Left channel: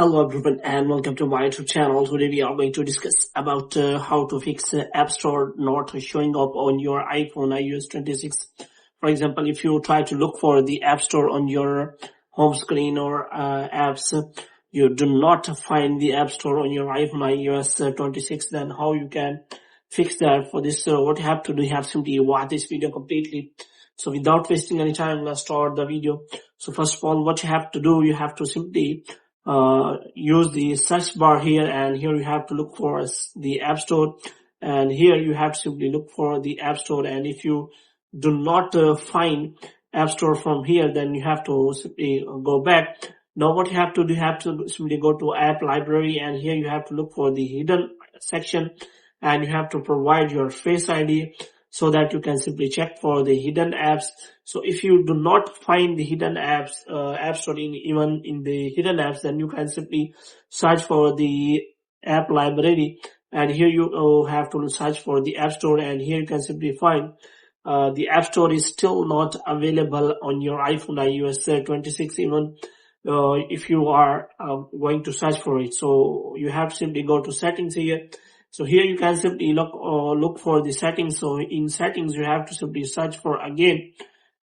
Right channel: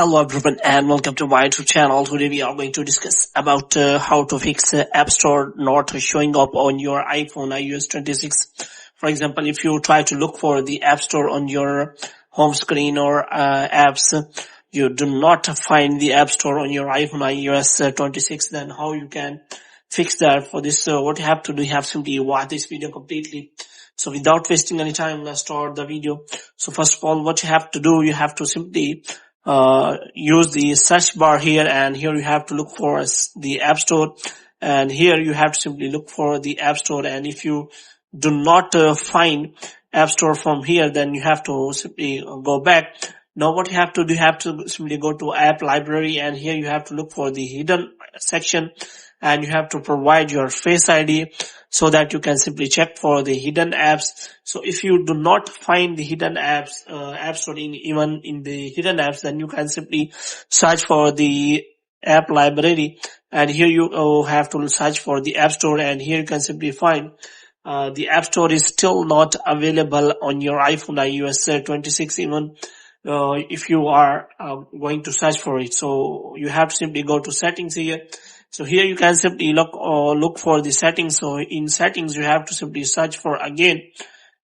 Hello everyone and welcome to my YouTube channel. Today we are going to discuss about how to fix App Store not showing up on your iPhone iOS 26. For example, if you try to look for the App Store on your home screen or apps, you do not find the App Store on your iPhone iOS 26, then how you can fix that? For this, what you have to do, you have to simply watch this video completely. So without wasting any time, let's start the video. So first of all, what you have to do, you have to simply use the search bar here, and here you have to look for the App Store, and here you have to simply look for the App Store. And if you do not find App Store from here, then you have to simply go back. Now what you have to do, you have to simply go to App Library, and here you have to look for the hidden section, and you have to provide your Face ID so that you can simply check for the hidden apps. So if you do not find the hidden apps, App Store even in the hidden apps, then you can simply search for the App Library, and here you have to search for the App Store, and here you can simply find the App Store is still not available on your iPhone iOS 26 even if you are going to search for it. So you have to simply go to settings here. So here you can simply look for the settings. So in settings, you have to simply search for again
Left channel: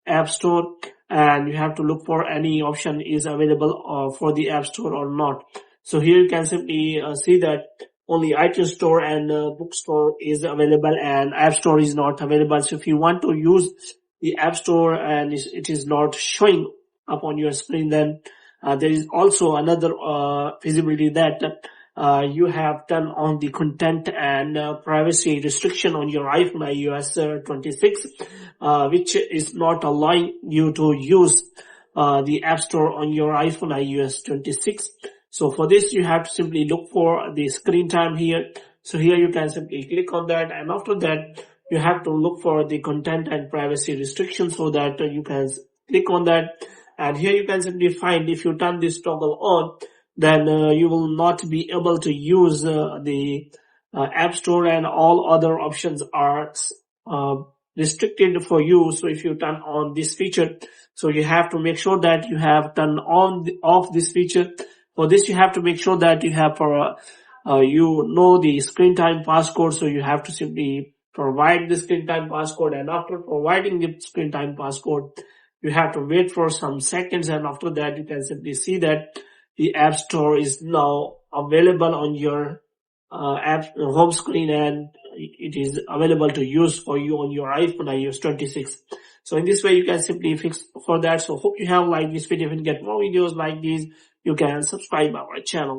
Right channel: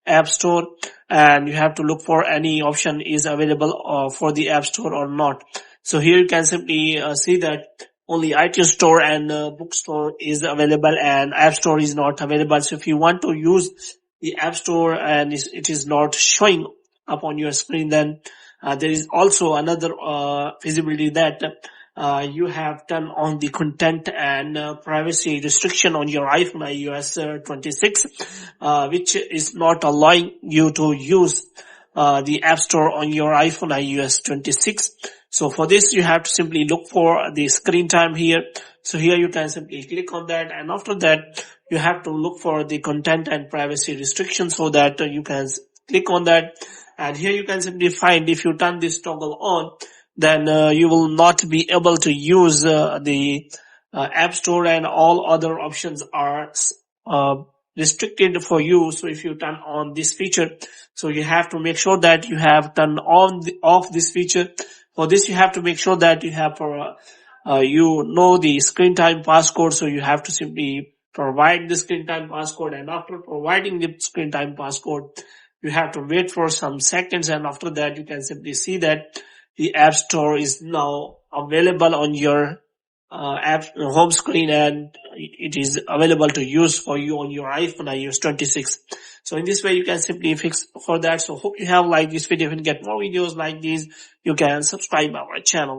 App Store, and you have to look for any option is available for the App Store or not. So here you can simply see that only iTunes Store and Bookstore is available, and App Store is not available. So if you want to use the App Store and it is not showing up on your screen, then there is also another feasibility that you have turned on the content and privacy restriction on your iPhone iOS 26, which is not allowing you to use the App Store on your iPhone iOS 26. So for this, you have to simply look for the screen time here. So here you can simply click on that, and after that, you have to look for the content and privacy restriction, so that you can click on that. And here you can simply find, if you turn this toggle on, then you will not be able to use the App Store, and all other options are restricted for you. So if you turn on this feature, so you have to make sure that you have turned off this feature. For this, you have to make sure that you have the screen time passcode. So you have to simply provide the screen time passcode, and after providing the screen time passcode, you have to wait for some seconds, and after that, you can simply see that the App Store is now available on your app home screen, and it is available to use for you on your iPhone iOS 26. So in this way, you can simply fix for that. So hope you have liked this video. If you get more videos like these, you can subscribe our channel.